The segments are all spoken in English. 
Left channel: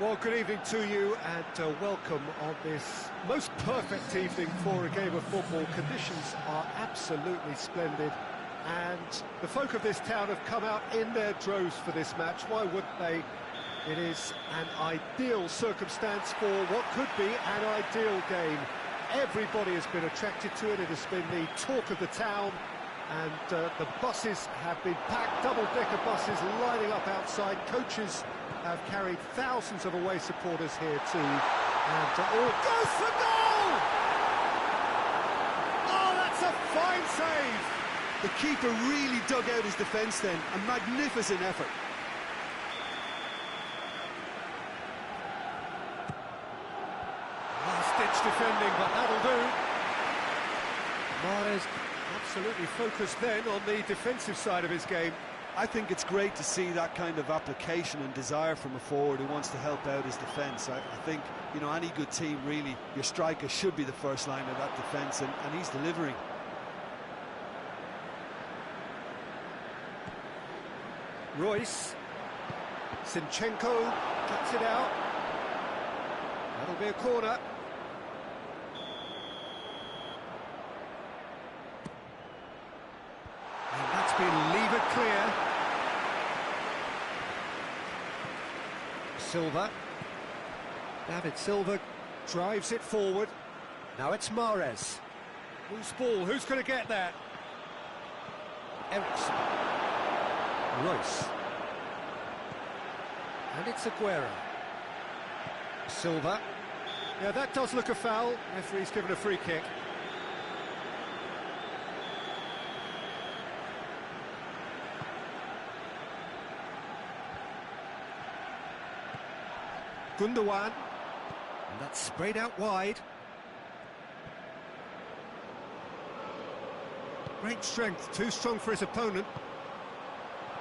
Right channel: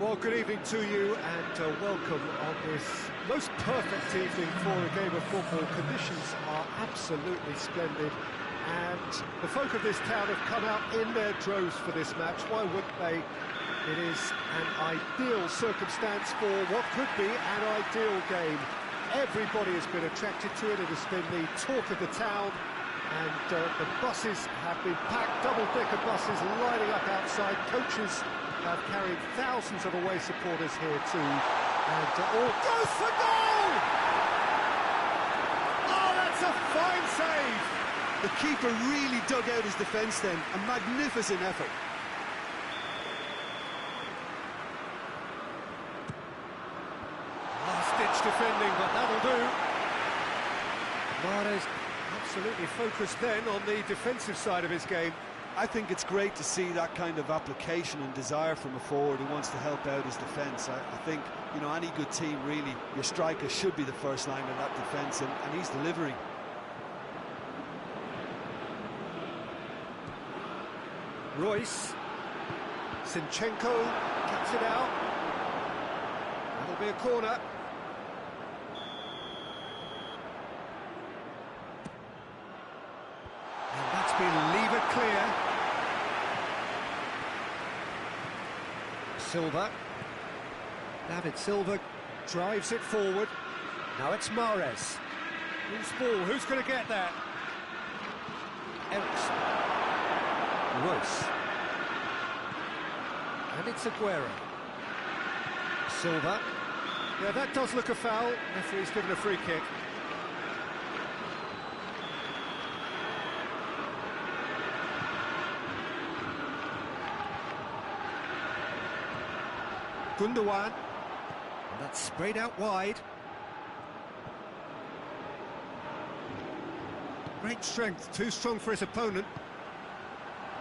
Well, good evening to you and welcome on this most perfect evening for a game of football. Conditions are absolutely splendid and the folk of this town have come out in their droves for this match. Why wouldn't they? It is an ideal circumstance for what could be an ideal game. Everybody has been attracted to it. It has been the talk of the town, and the buses have been packed, double-decker buses lining up outside. Coaches have carried thousands of away supporters here too, and all goes for goal! Oh, that's a fine save! The keeper really dug out his defence then, a magnificent effort. Last-ditch defending, but that'll do. Mahrez absolutely focused then on the defensive side of his game. I think it's great to see that kind of application and desire from a forward who wants to help out his defence. I think, you know, any good team, really, your striker should be the first line of that defence, and he's delivering. Royce. Zinchenko cuts it out. That'll be a corner. And that's been levered clear. Silva. David Silva drives it forward. Now it's Mahrez. Loose ball, who's going to get that? Eriksen. Royce. And it's Aguero. Silva. Yeah, that does look a foul. Referee's given a free kick. Gundogan, and that's sprayed out wide. Great strength, too strong for his opponent.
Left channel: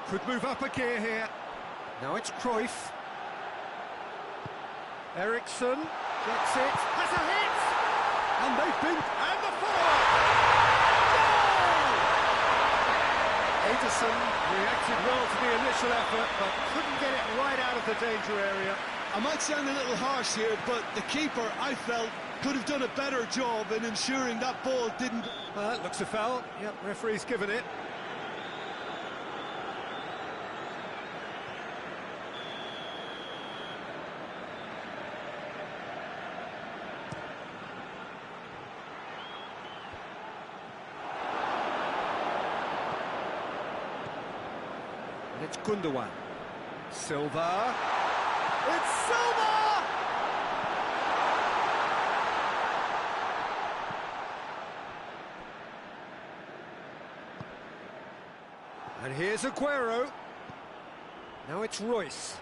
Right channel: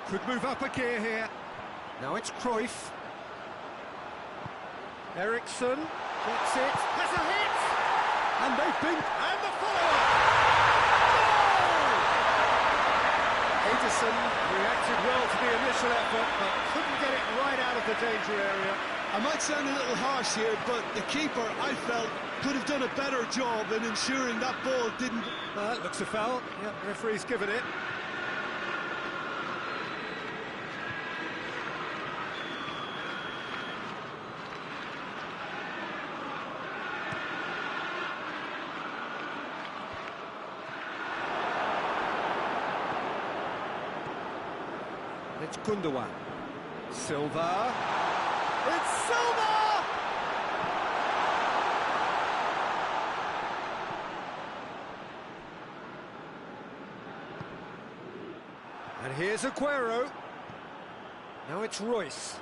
Could move up a gear here. Now it's Cruyff. Eriksen gets it, has a hit! And they've been... and the follow-up! Goal! Ederson reacted well to the initial effort, but couldn't get it right out of the danger area. I might sound a little harsh here, but the keeper, I felt, could have done a better job in ensuring that ball didn't... Looks a foul. Yep, referee's given it. And it's Gundogan. Silva. It's Silva! And here's Aguero. Now it's Royce.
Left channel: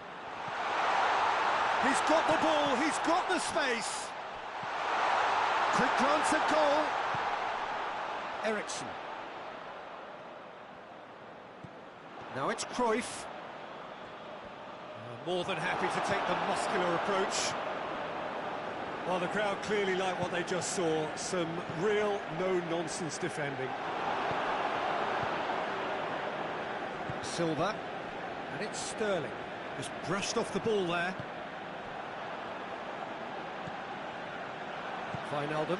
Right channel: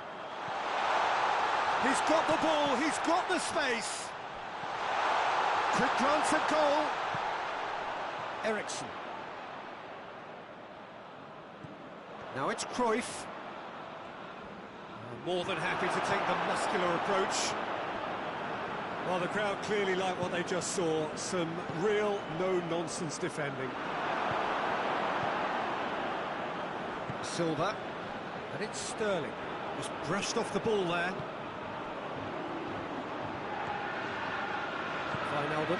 He's got the ball, he's got the space. Quick glance at goal. Eriksen. Now it's Cruyff. More than happy to take the muscular approach. Well, the crowd clearly like what they just saw. Some real no-nonsense defending. Silva. And it's Sterling. Just brushed off the ball there. Wijnaldum.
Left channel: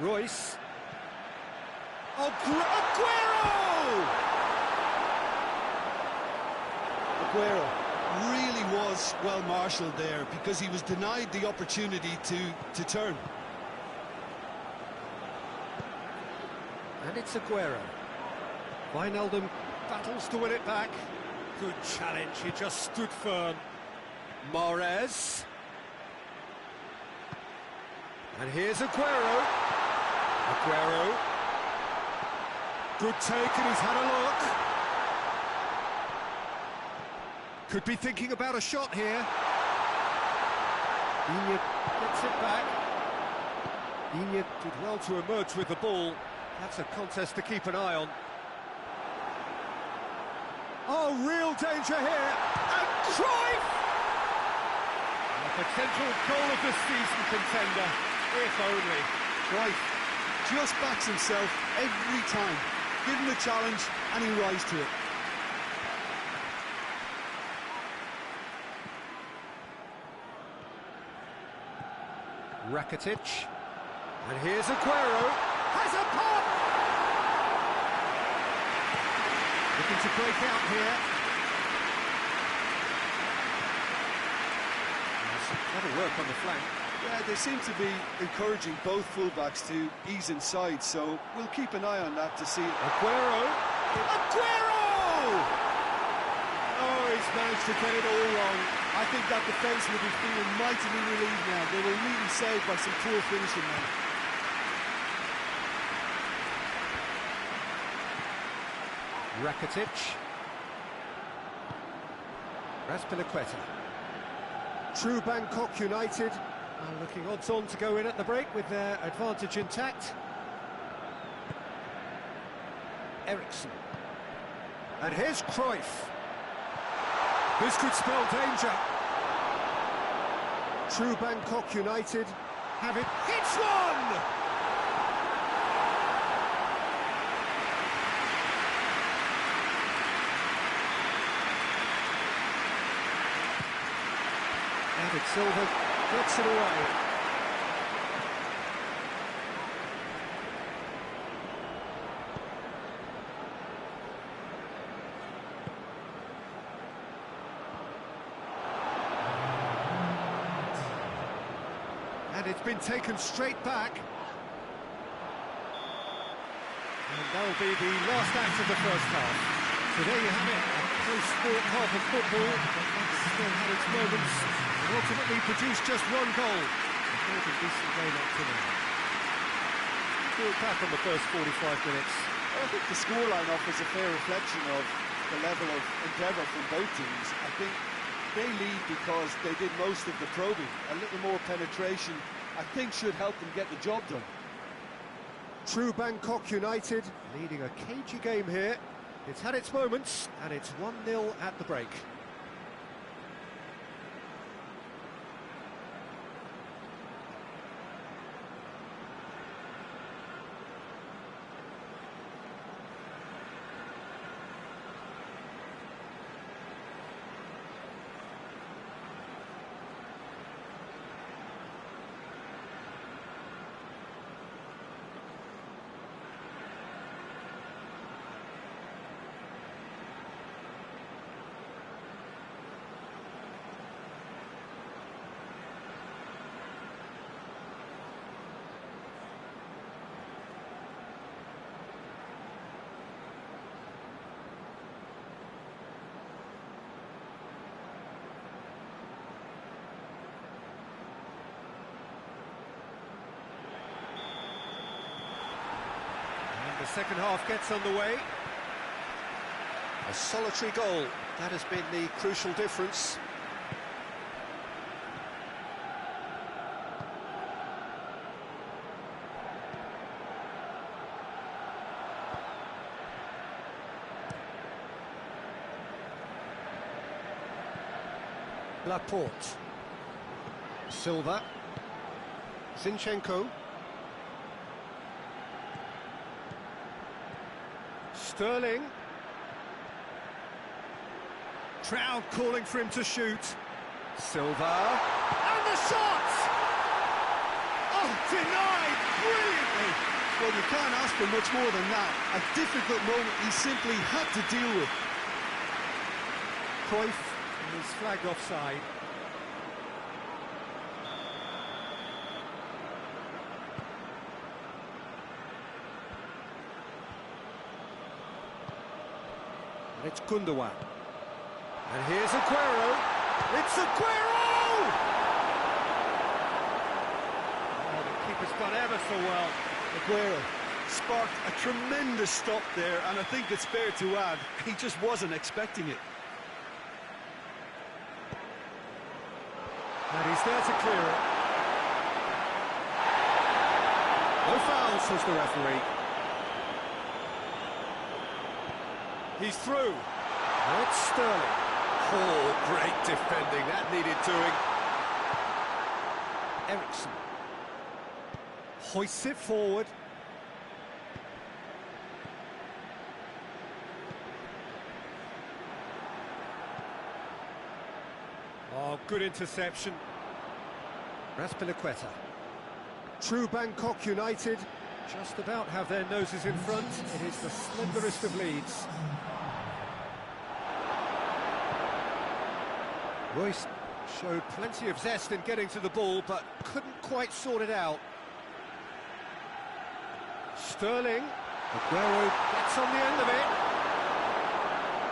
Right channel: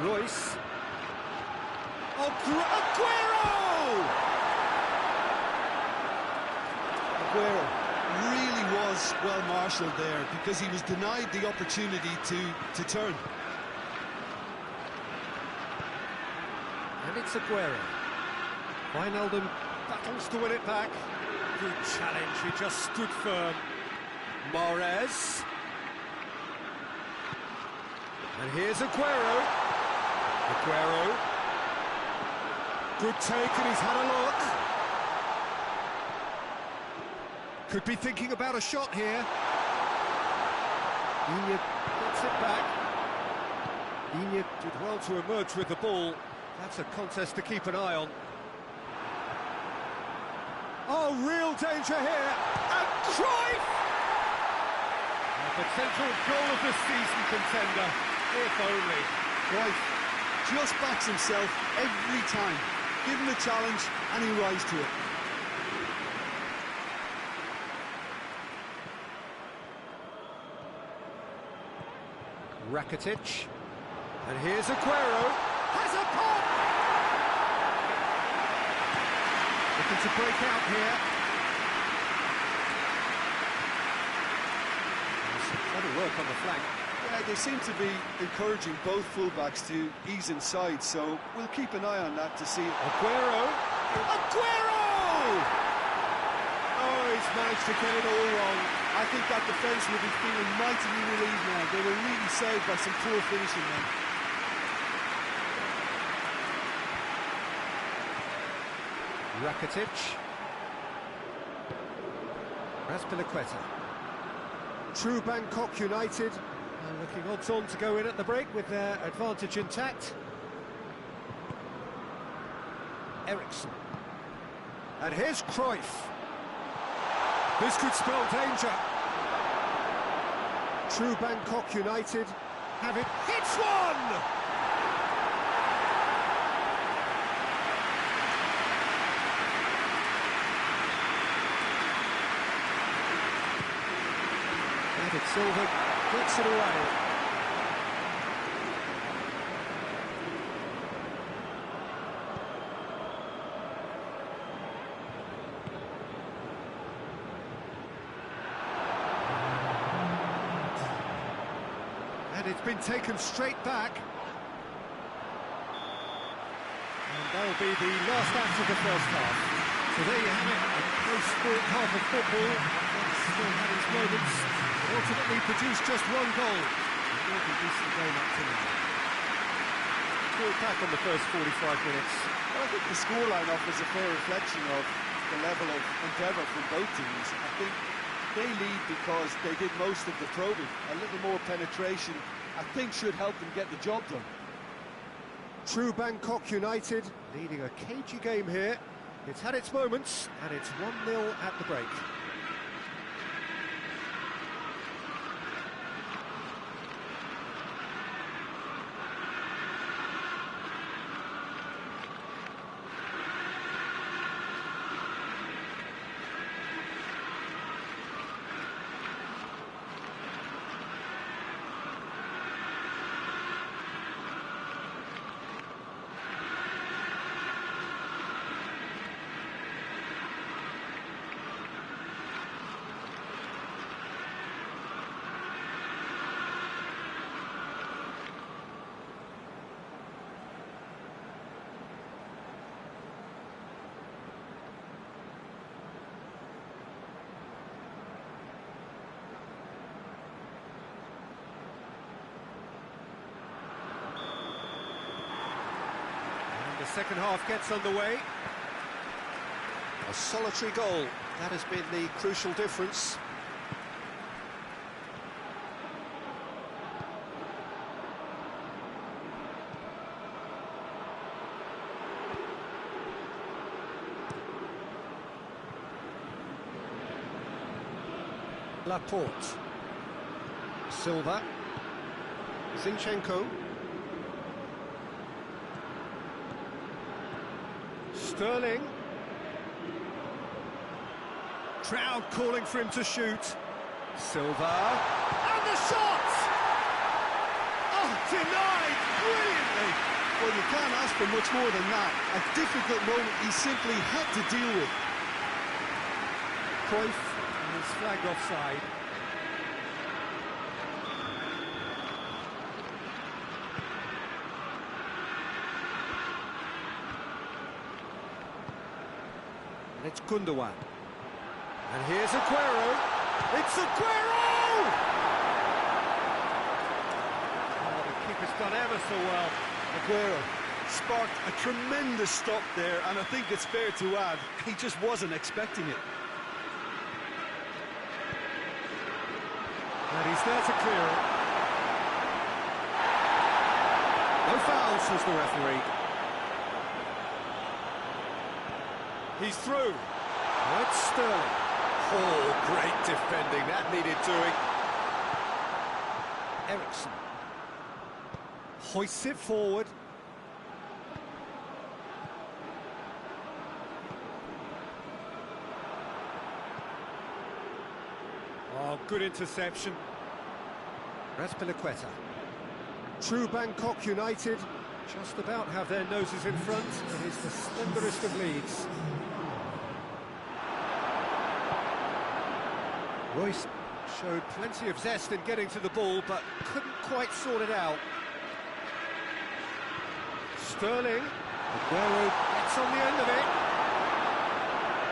Royce. Aguero! Aguero really was well marshalled there because he was denied the opportunity to turn. And it's Aguero. Wijnaldum battles to win it back. Good challenge, he just stood firm. Mahrez. And here's Aguero. Aguero. Good take, and he's had a look. Could be thinking about a shot here. Digne gets it back. Digne did well to emerge with the ball. That's a contest to keep an eye on. Oh, real danger here. And Cruyff! A potential goal of the season contender, if only. Cruyff just backs himself every time. Give him the challenge and he rises to it. Rakitic. And here's Aguero. Has a pop! Looking to break out here. Some clever work on the flank. Yeah, they seem to be encouraging both fullbacks to ease inside, so we'll keep an eye on that to see. Aguero! Aguero! Oh, he's managed to get it all wrong. I think that defence will be feeling mightily relieved now. They were really saved by some poor finishing then. Rakitic. Azpilicueta. True Bangkok United are looking odds-on to go in at the break with their advantage intact. Eriksson. And here's Cruyff. This could spell danger. True Bangkok United have it. Hits one! David Silva gets it away. And it's been taken straight back. And that'll be the last act of the first half. So there you have it, a close-fought half of football, but one still had its moments. It ultimately produced just one goal. A more than decent game up to now. Good back on the first 45 minutes. Well, I think the scoreline offers a fair reflection of the level of endeavour from both teams. I think they lead because they did most of the probing. A little more penetration, I think, should help them get the job done. True Bangkok United leading a cagey game here. It's had its moments, and it's 1-0 at the break. The second half gets underway. A solitary goal, that has been the crucial difference. Laporte. Silva. Zinchenko. Sterling. Crowd calling for him to shoot. Silva. And the shot! Oh, denied brilliantly! Well, you can't ask for much more than that. A difficult moment he simply had to deal with. Cruyff is flagged offside. And it's Gundogan. And here's Aguero. It's Aguero! Oh, the keeper's done ever so well. Aguero sparked a tremendous stop there, and I think it's fair to add, he just wasn't expecting it. And he's there to clear it. No foul, says the referee. He's through. Now it's Sterling. Oh, great defending. That needed doing. Eriksson. Hoists it forward. Oh, good interception. Azpilicueta. True Bangkok United just about have their noses in front. It is the slenderest of leads. Royce showed plenty of zest in getting to the ball, but couldn't quite sort it out. Sterling, Aguero gets on the end of it.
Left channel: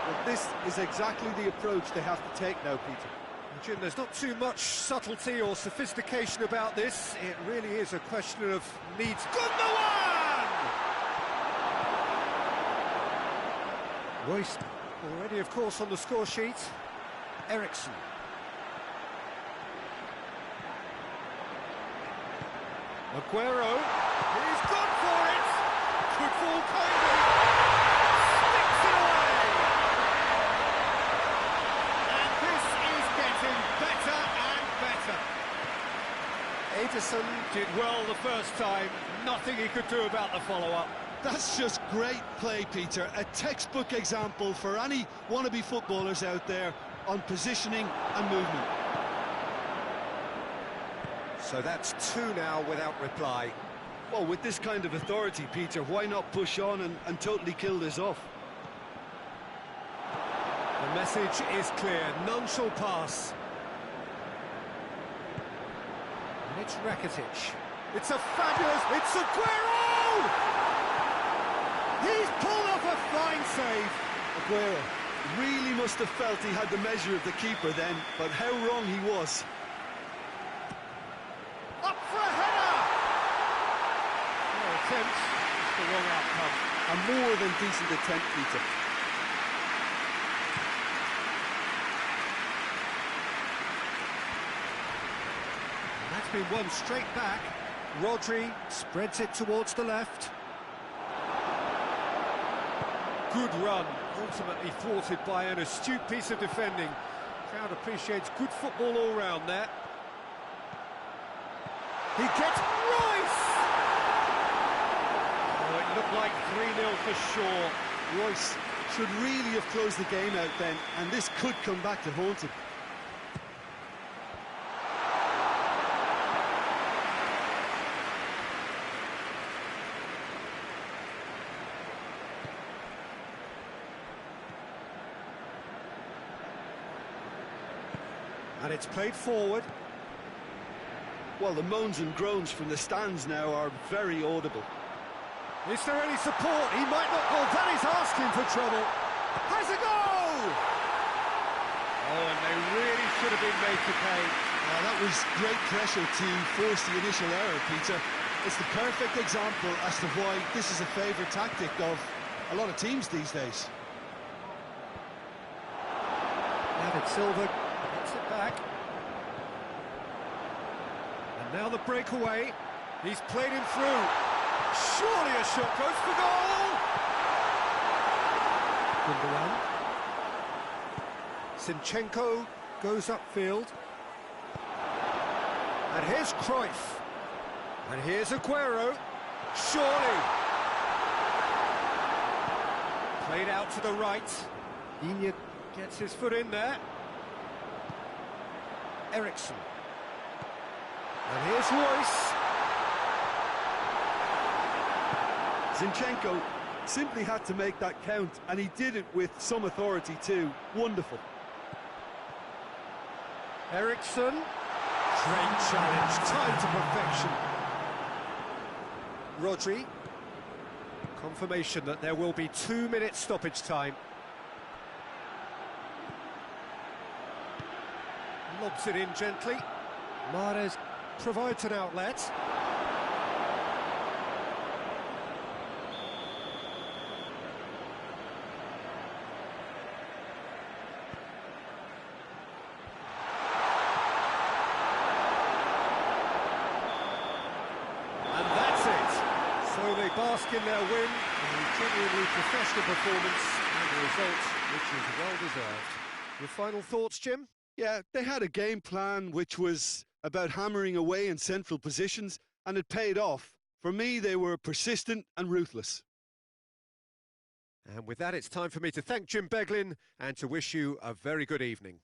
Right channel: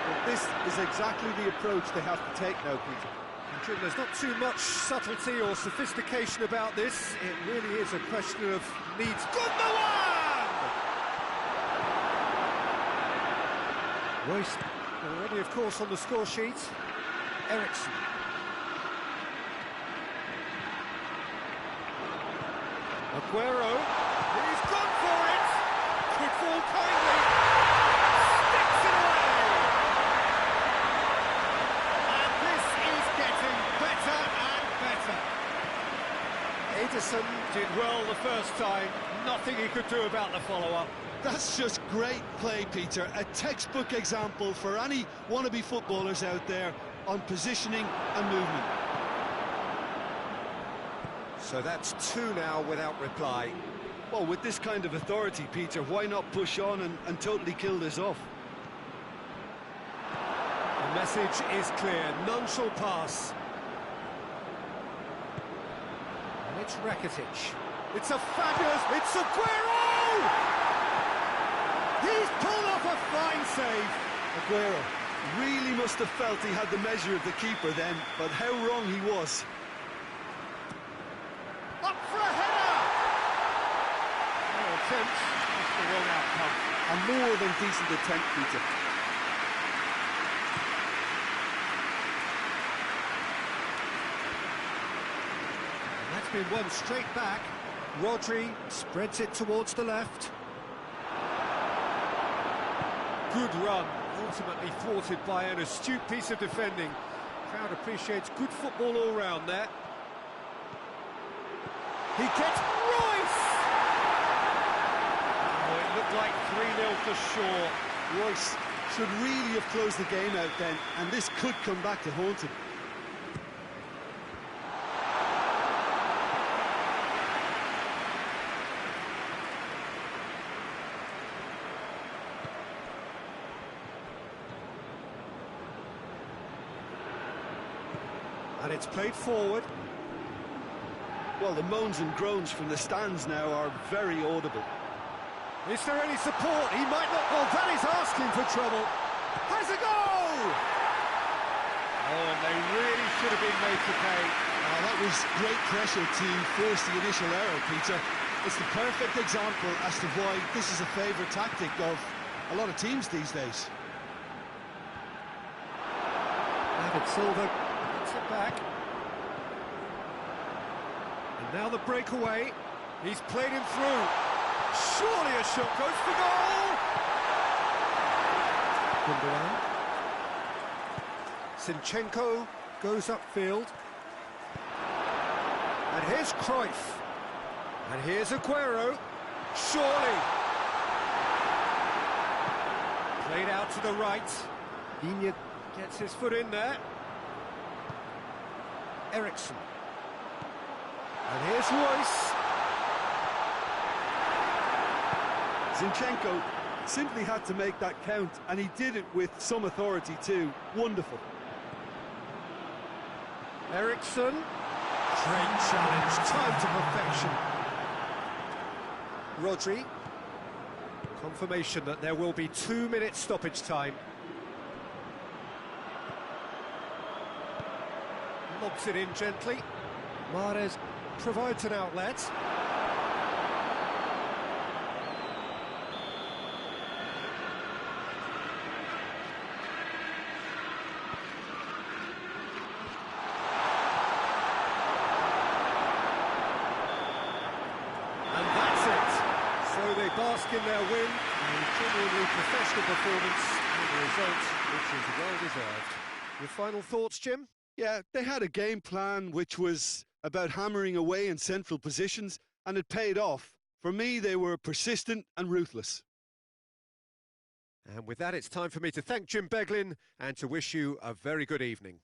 Well, this is exactly the approach they have to take now, Peter. And Jim, there's not too much subtlety or sophistication about this. It really is a question of needs. Gundogan! Royce already, of course, on the score sheet. Eriksen. Aguero, he's gone for it! Could fall kindly, sticks it away! And this is getting better and better. Ederson did well the first time, nothing he could do about the follow-up. That's just great play, Peter. A textbook example for any wannabe footballers out there on positioning and movement. So that's two now without reply. Well, with this kind of authority, Peter, why not push on and totally kill this off? The message is clear, none shall pass. And it's Rakitic. It's a fabulous... It's Aguero! He's pulled off a fine save. Aguero really must have felt he had the measure of the keeper then, but how wrong he was. Up for a header! No attempt, just the wrong outcome. A more than decent attempt, Peter. And that's been won straight back. Rodri spreads it towards the left. Good run, ultimately thwarted by an astute piece of defending. Crowd appreciates good football all round there. He gets Royce! Oh, it looked like 3-0 for sure. Royce should really have closed the game out then, and this could come back to haunt him. And it's played forward. Well, the moans and groans from the stands now are very audible. Is there any support? He might not... Well, that is asking for trouble. Has a go! Oh, and they really should have been made to pay. That was great pressure to force the initial error, Peter. It's the perfect example as to why this is a favourite tactic of a lot of teams these days. David Silva gets it back. And now the breakaway. He's played him through. Surely a shot goes for goal! Gundogan. Zinchenko goes upfield. And here's Cruyff. And here's Aguero. Surely. Played out to the right. Digne gets his foot in there. Eriksen. And here's Royce. Zinchenko simply had to make that count, and he did it with some authority too. Wonderful. Eriksen. Great challenge, time to perfection. Rodri. Confirmation that there will be 2 minutes stoppage time. Lobs it in gently. Mahrez provides an outlet. And that's it. So they bask in their win, a genuinely professional performance, and a result which is well deserved. Your final thoughts, Jim? Yeah, they had a game plan which was about hammering away in central positions, and it paid off. For me, they were persistent and ruthless. And with that, it's time for me to thank Jim Beglin and to wish you a very good evening.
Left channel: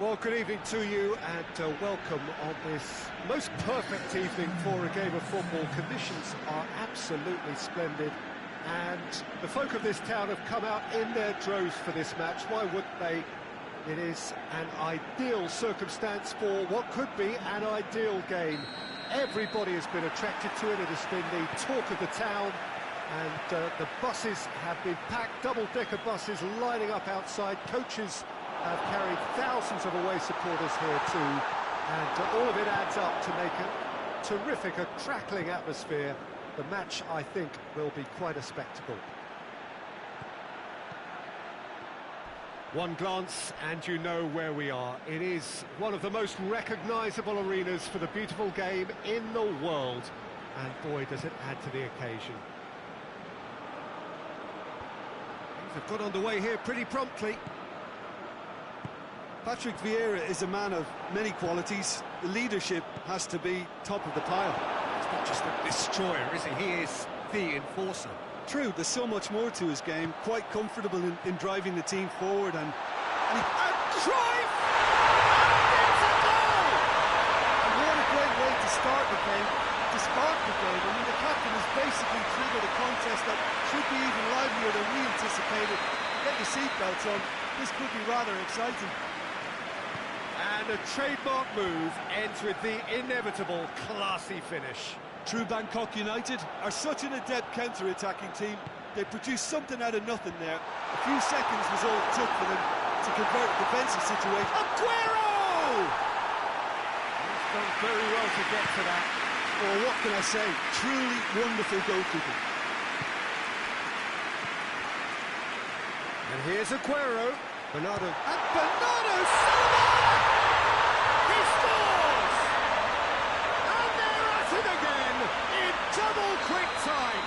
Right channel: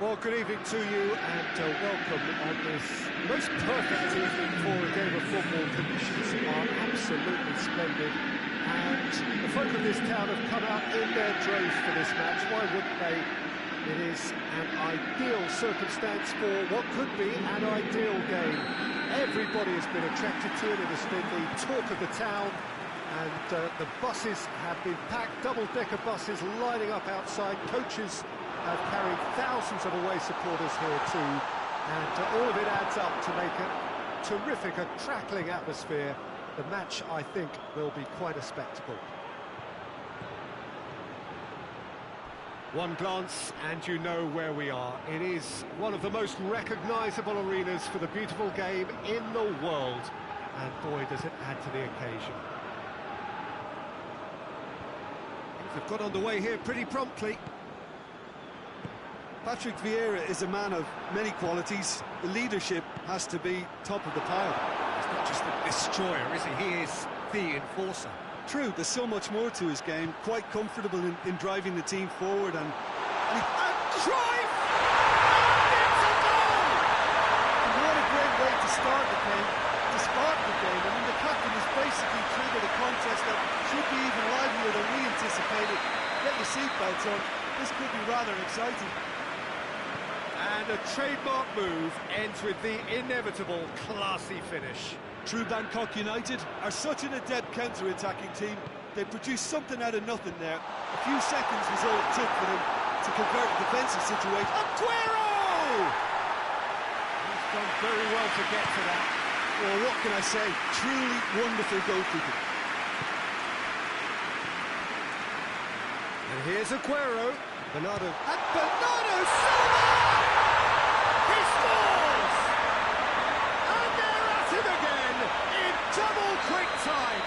Well, good evening to you and welcome on this most perfect evening for a game of football. Conditions are absolutely splendid and the folk of this town have come out in their droves for this match. Why wouldn't they? It is an ideal circumstance for what could be an ideal game. Everybody has been attracted to it. It has been the talk of the town, and the buses have been packed, double-decker buses lining up outside. Coaches have carried thousands of away supporters here too, and all of it adds up to make a terrific, a crackling atmosphere. The match, I think, will be quite a spectacle. One glance and you know where we are. It is one of the most recognisable arenas for the beautiful game in the world, and boy does it add to the occasion. Things have got underway here pretty promptly. Patrick Vieira is a man of many qualities. The leadership has to be top of the pile. He's not just a destroyer, is he? He is the enforcer. True, there's so much more to his game. Quite comfortable in driving the team forward, and Cruyff! And it's a goal! And what a great way to start the game, to spark the game. I mean, the captain has basically triggered a contest that should be even livelier than we anticipated. Get your seatbelts on. This could be rather exciting. And a trademark move ends with the inevitable classy finish. True Bangkok United are such an adept counter-attacking team. They produced something out of nothing there. A few seconds was all it took for them to convert a defensive situation. Aguero! He's done very well to get to that. Well, what can I say? Truly wonderful goalkeeping. And here's Aguero. Bernardo. And Bernardo Silva! He scores! And they're at it again in double quick time.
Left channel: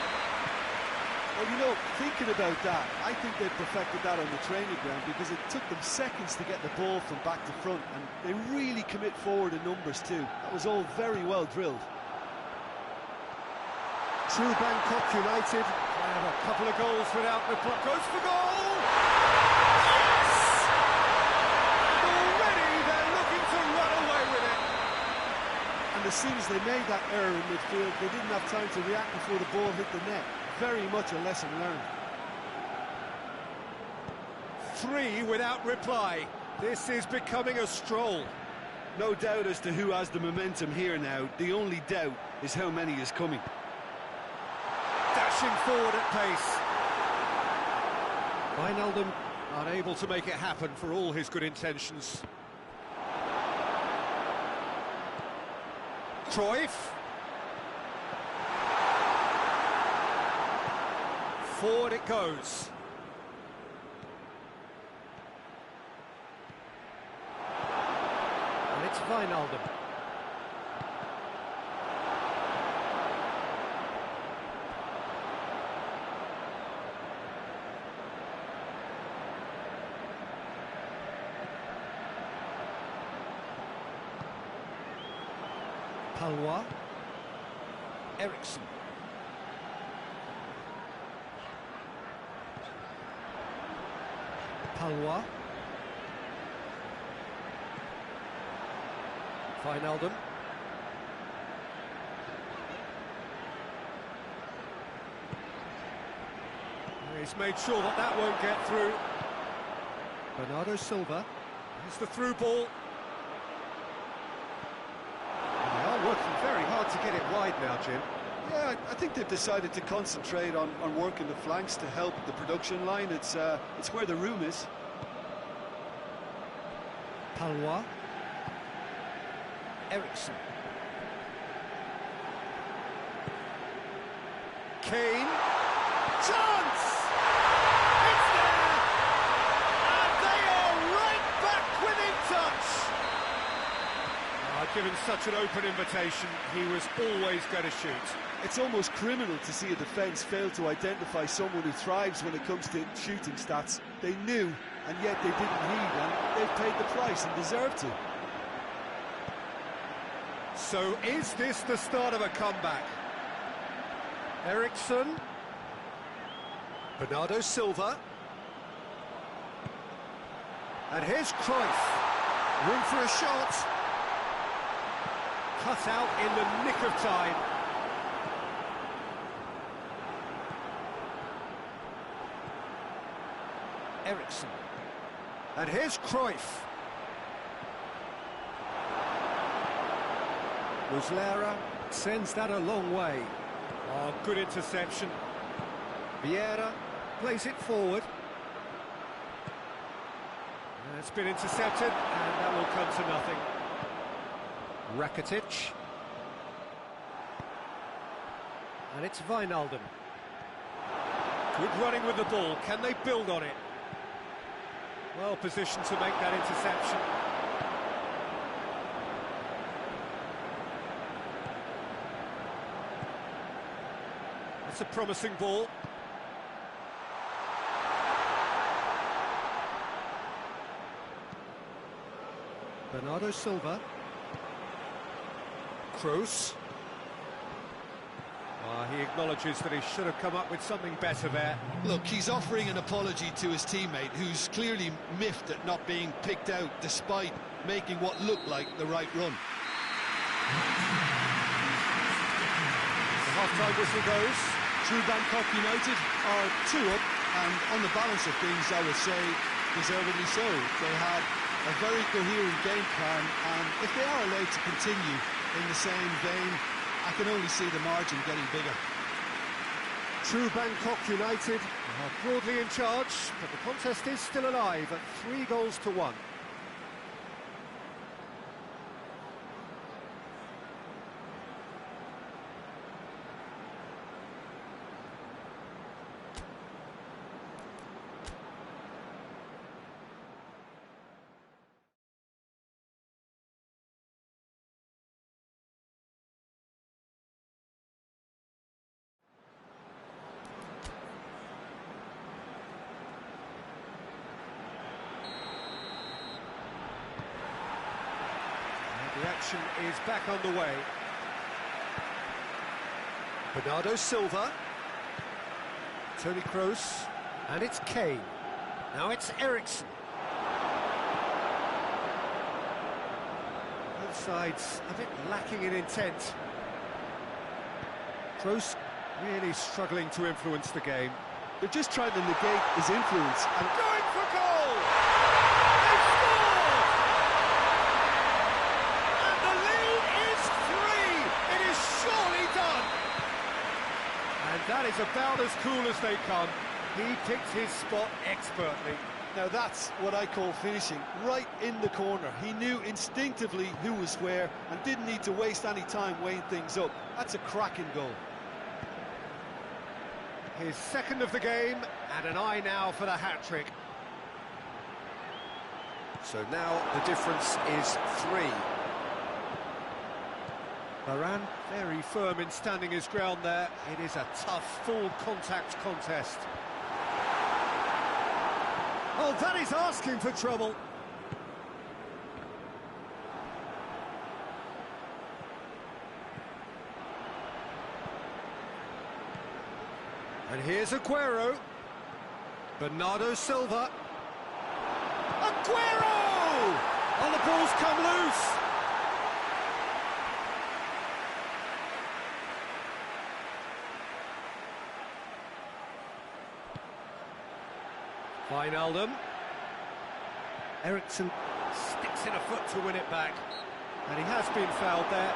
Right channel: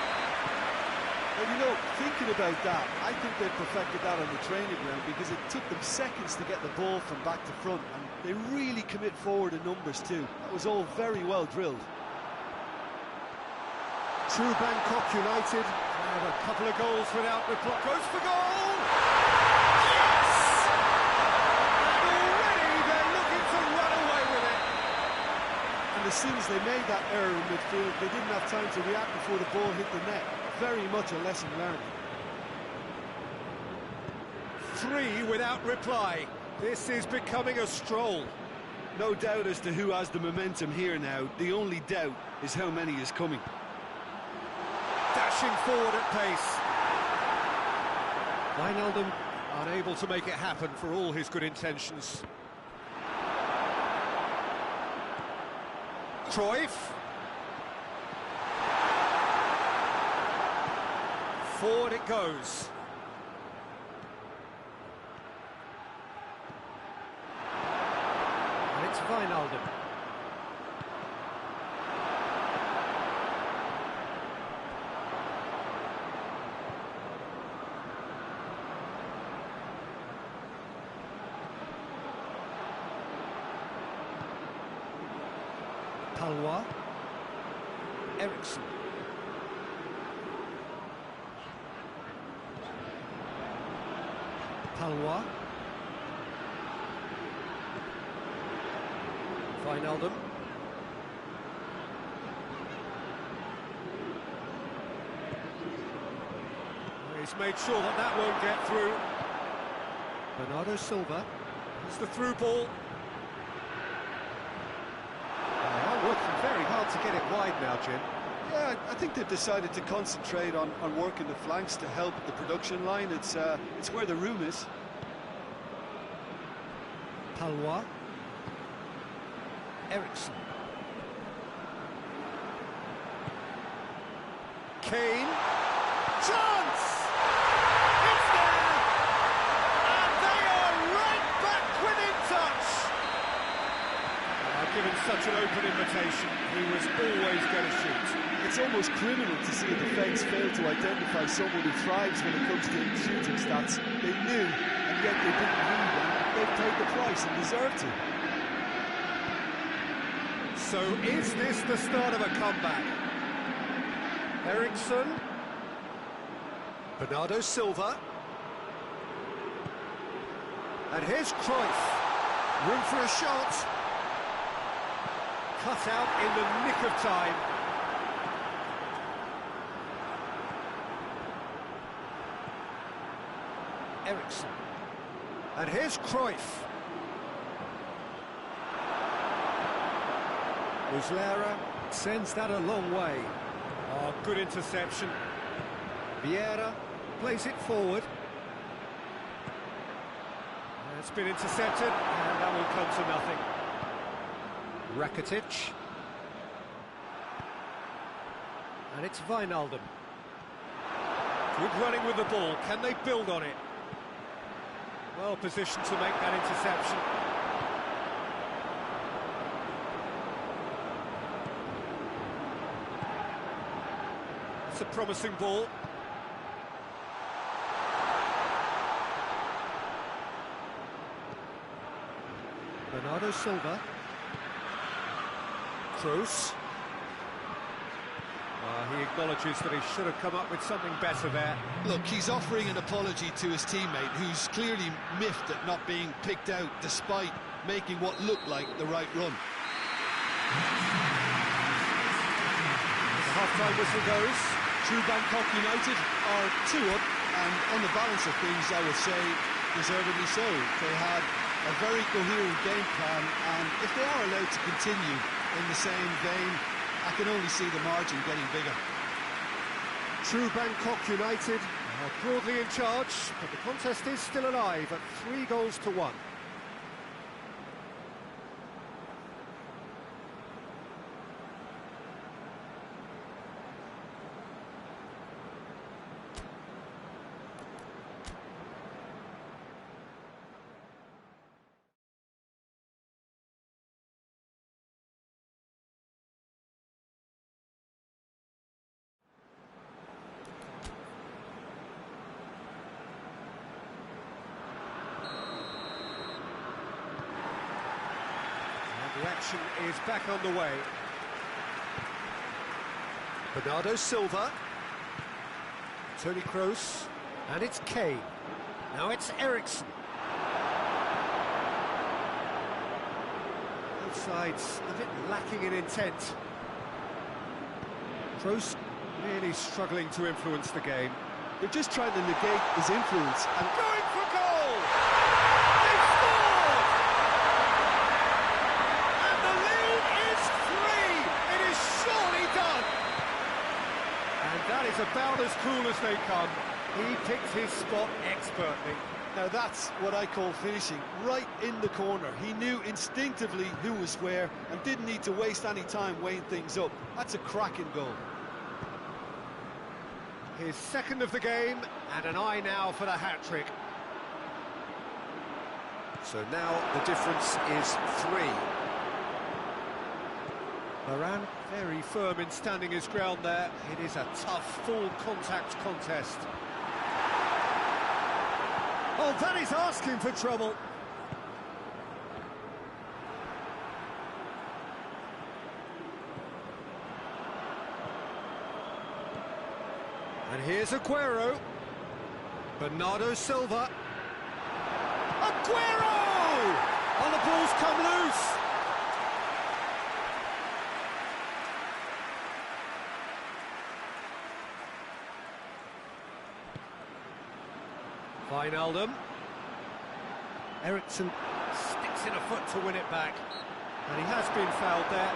Well, you know, thinking about that, I think they perfected that on the training ground because it took them seconds to get the ball from back to front, and they really commit forward in numbers too. That was all very well drilled. True Bangkok United have a couple of goals without reply. Goes for goal! Yes! And already they're looking to run away with it. And as soon as they made that error in midfield, they didn't have time to react before the ball hit the net. Very much a lesson learned. 3 without reply. This is becoming a stroll. No doubt as to who has the momentum here now. The only doubt is how many is coming. Dashing forward at pace. Wijnaldum unable to make it happen for all his good intentions. Cruyff. Forward it goes. And it's Wijnaldum. Palois. Eriksson. Palois. Wijnaldum. He's made sure that that won't get through. Bernardo Silva. Here's the through ball. And they are working very hard to get it wide now, Jim. Yeah, I think they've decided to concentrate on working the flanks to help the production line. It's where the room is. Palois. Eriksson. Kane. Chance! It's there! And they are right back within touch! Given such an open invitation, he was always going to shoot. It's almost criminal to see a defence fail to identify someone who thrives when it comes to shooting stats. They knew, and yet they didn't heed, and they've paid the price and deserve to. So is this the start of a comeback? Eriksson. Bernardo Silva. And here's Cruyff. Room for a shot. Cut out in the nick of time. Ericsson. And here's Cruyff. Muslera sends that a long way. Oh, good interception. Vieira plays it forward. It's been intercepted, and that will come to nothing. Rakitic. And it's Wijnaldum. Good running with the ball. Can they build on it? Well positioned to make that interception. That's a promising ball. Bernardo Silva. Kroos. He acknowledges that he should have come up with something better there. Look, he's offering an apology to his teammate, who's clearly miffed at not being picked out despite making what looked like the right run. The half-time whistle goes. True Bangkok United are 2 up, and on the balance of things, I would say, deservedly so. They had a very coherent game plan, and if they are allowed to continue in the same vein, I can only see the margin getting bigger. True Bangkok United are broadly in charge, but the contest is still alive at 3-1. The action is back on the way. Bernardo Silva. Toni Kroos. And it's Kane. Now it's Ericsson. Both sides a bit lacking in intent. Kroos really struggling to influence the game. They're just trying to negate his influence. And going for goal! They've scored! And the lead is 3! It is surely done! And that is about as cool as they come. He picked his spot expertly. Now that's what I call finishing, right in the corner. He knew instinctively who was where and didn't need to waste any time weighing things up. That's a cracking goal. His second of the game, and an eye now for the hat-trick. So now the difference is 3. Varane very firm in standing his ground there. It is a tough, full-contact contest. Oh, that is asking for trouble. And here's Aguero. Bernardo Silva. Aguero! Oh, the ball's come loose. Wijnaldum. Ericsson sticks in a foot to win it back. And he has been fouled there.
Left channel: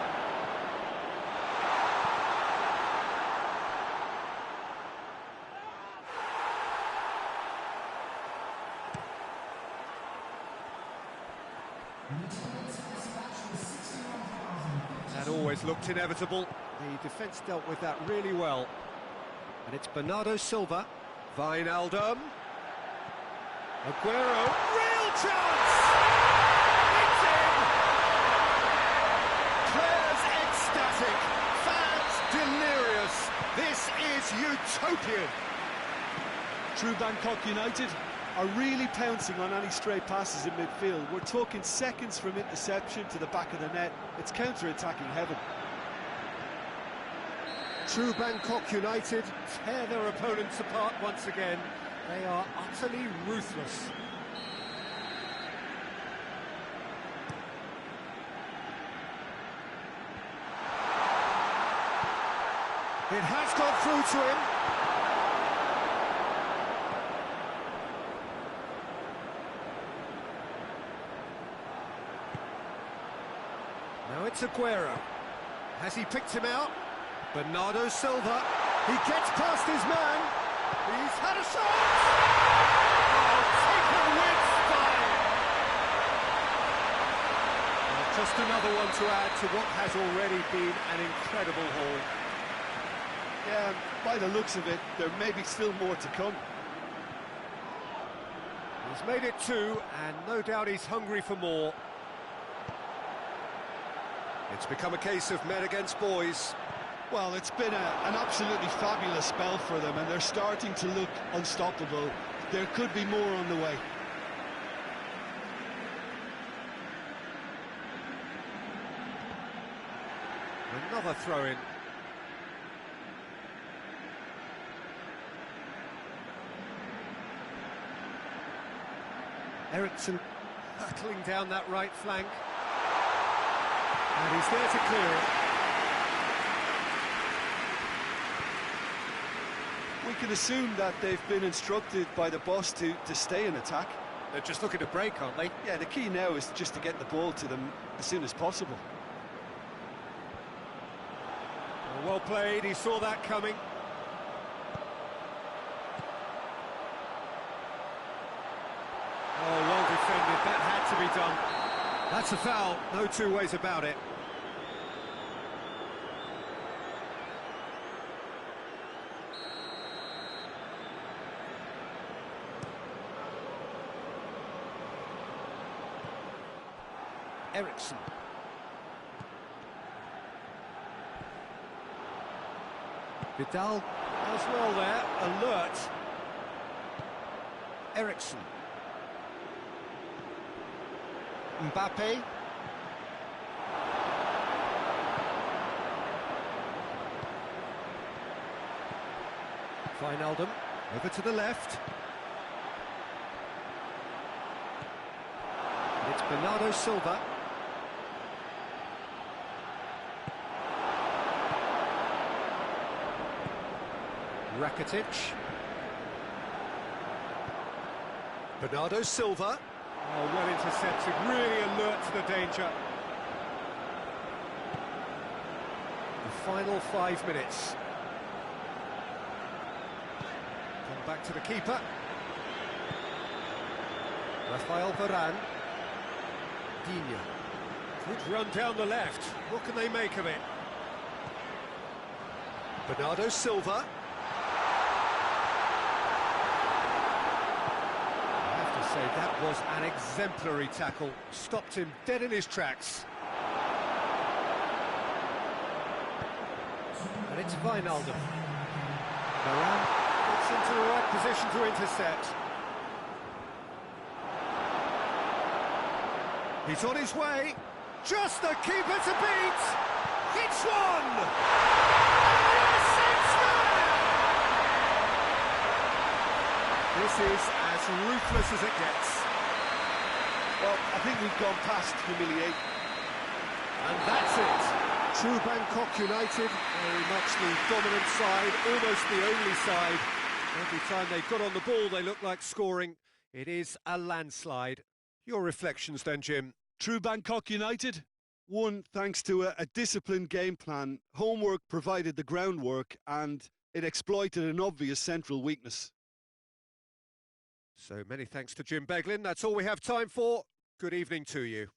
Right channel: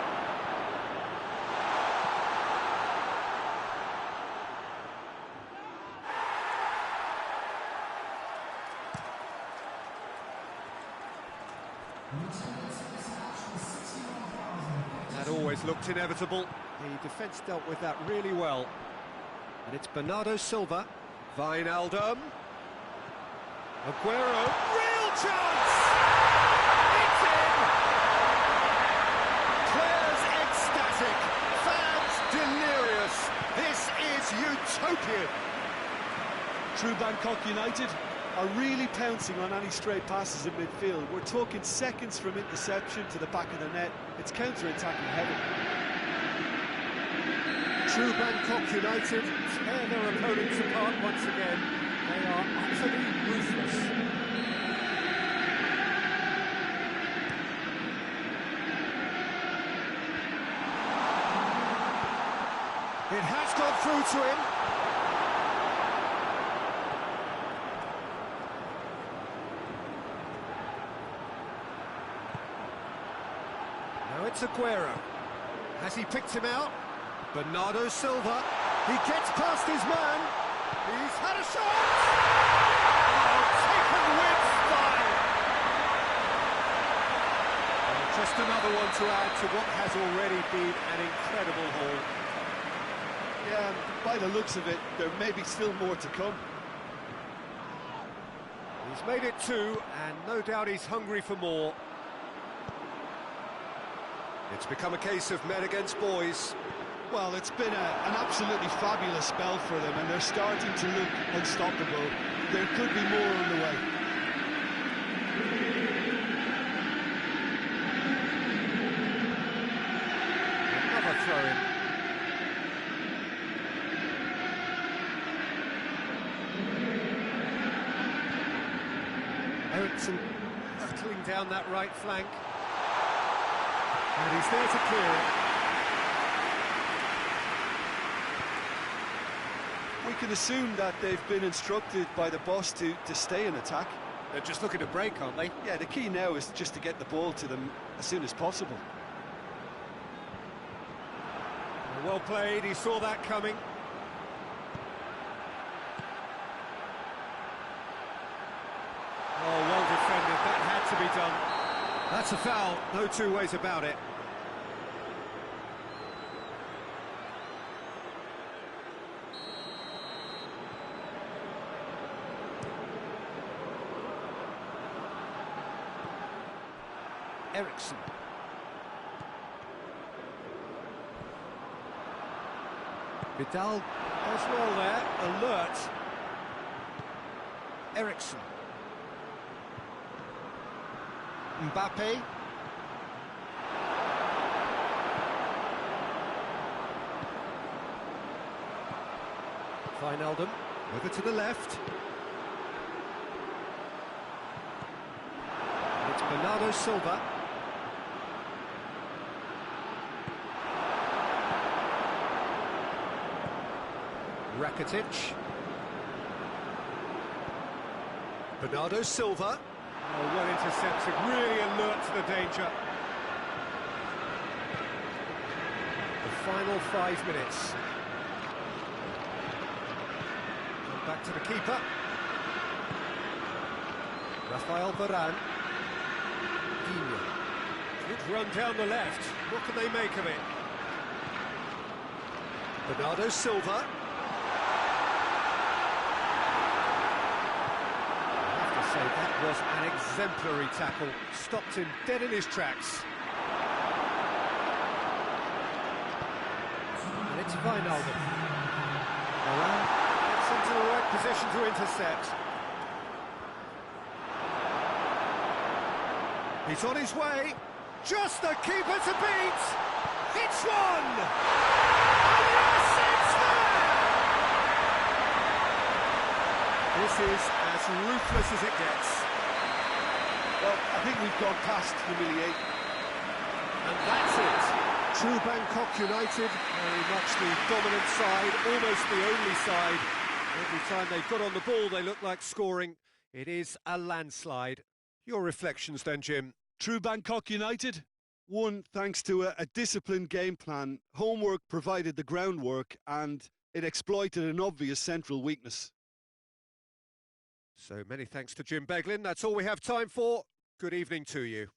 That always looked inevitable. The defence dealt with that really well. And it's Bernardo Silva. Wijnaldum. Aguero. Real chance! It's in! Players ecstatic. Fans delirious. This is utopian. True Bangkok United are really pouncing on any stray passes in midfield. We're talking seconds from interception to the back of the net. It's counter-attacking heaven. True Bangkok United tear their opponents apart once again. They are utterly ruthless. It has gone through to him. Now it's Aguero. Has he picked him out? Bernardo Silva. He gets past his man. He's had a shot! Oh, taken with style! Well, just another one to add to what has already been an incredible haul. Yeah, by the looks of it, there may be still more to come. He's made it two, and no doubt he's hungry for more. It's become a case of men against boys. Well, it's been an absolutely fabulous spell for them, and they're starting to look unstoppable. There could be more on the way. Another throw-in. Ericsson hurtling down that right flank. And he's there to clear it. We can assume that they've been instructed by the boss to stay in attack. They're just looking to break, aren't they? Yeah, the key now is just to get the ball to them as soon as possible. Well played, he saw that coming. Oh, well defended, that had to be done. That's a foul, no two ways about it. Ericsson. Vidal as well there, alert. Ericsson. Mbappe. Wijnaldum, over to the left. And it's Bernardo Silva. Rakitic. Bernardo Silva. Oh, well intercepted, really alert to the danger. The final 5 minutes. Come back to the keeper. Rafael Varane. Digne. Good run down the left. What can they make of it? Bernardo Silva. Say that was an exemplary tackle, stopped him dead in his tracks. And it's Wijnaldum. Varane gets into the right position to intercept. He's on his way, just the keeper to beat. It's one! And yes, it's there! This is as ruthless as it gets. Well, I think we've gone past humiliate. And that's it. True Bangkok United, very much the dominant side, almost the only side. Every time they've got on the ball, they look like scoring. It is a landslide. Your reflections then, Jim? True Bangkok United won thanks to a disciplined game plan. Homework provided the groundwork, and it exploited an obvious central weakness. So many thanks to Jim Beglin. That's all we have time for. Good evening to you.